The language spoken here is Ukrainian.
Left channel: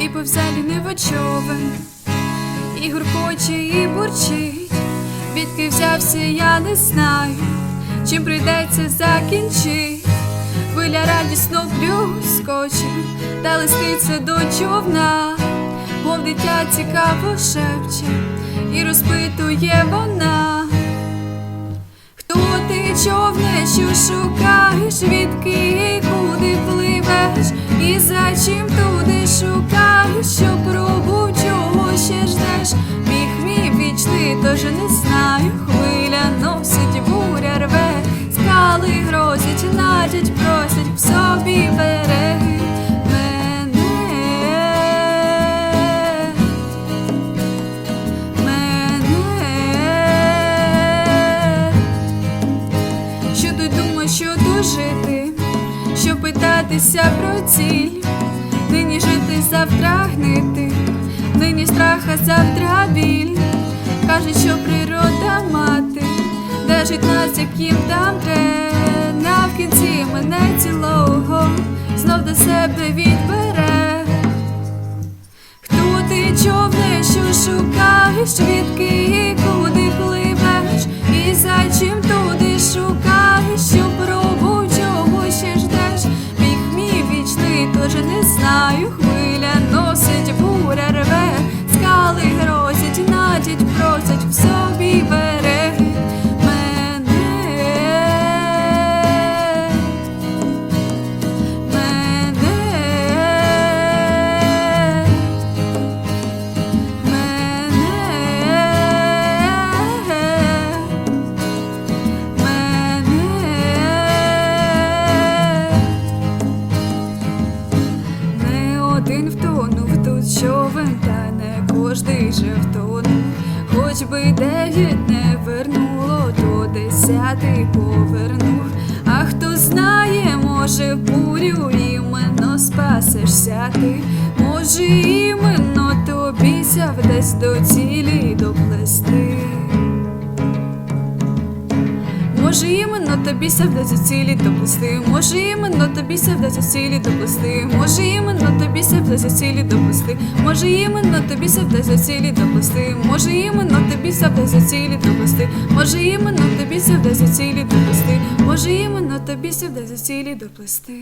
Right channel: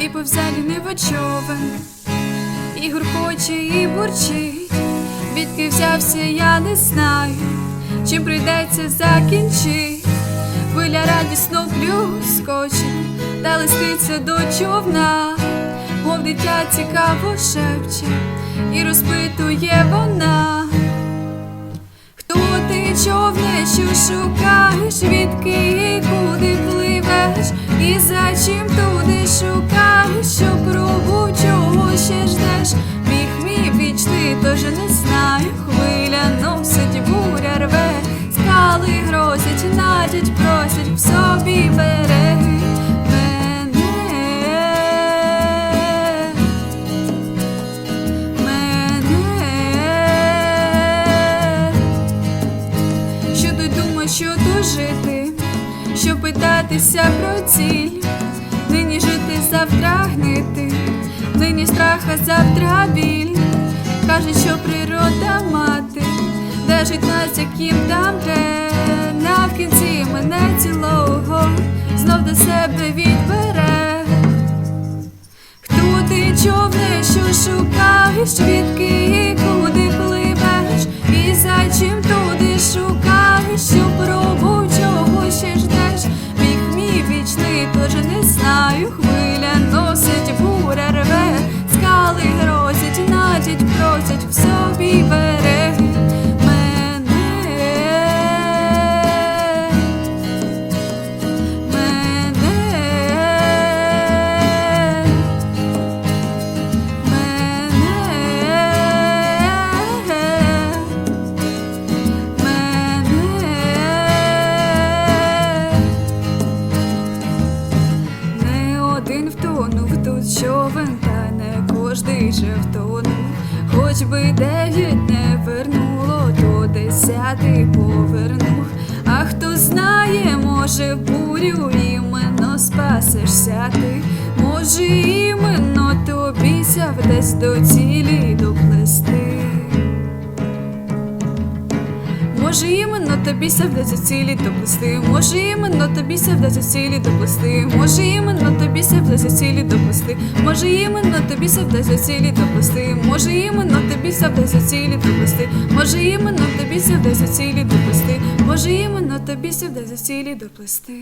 і повзалі не човен, і гуркоче, і бурчить, відки взявся, я не знаю, чим прийдеться закінчить. Хвиля радісно плюскоче, та листиться до човна, мов дитя цікаво шепче, і розпитує вона. Хто ти човне, що шукаєш, відки куди пливеш, і за чим туди шукаєш, що пробув, чого ще ждеш? Біг мій вічний, тож не знаю, хвиля носить, буря рве, скали грозять, надять, просять в собі береги що тут жити, що питатися про ціль, нині жити, завтра гнити, нині страх, а завтра біль. Кажуть, що природа мати, держить нас, яким там трена в кінці мене цілого, знов до себе відбере. Хто ти човне, що шукаєш, відки і куди пливеш, і за чим туди шукаєш, що пробу, тож не знаю, хвиля носить, буря рве, скали грозять, натять, просять в тут човен, та не кожний же втонув. Хоч би дев'ять не вернуло, то десятий повернув. А хто знає, може, бурю іменно спасешся ти, може, іменно тобі сяв десь до цілі доплести. Може, іменно тобі ся вдасться цілі доплести, може, іменно тобі ся вдасться цілі доплести, може, іменно тобі ся вдасться цілі доплести, може, іменно тобі ся вдасться цілі доплести, може, іменно тобі ся вдасться цілі доплести, може, іменно тобі ся вдасться цілі доплести, може, іменно тобі ся вдасться цілі доплести.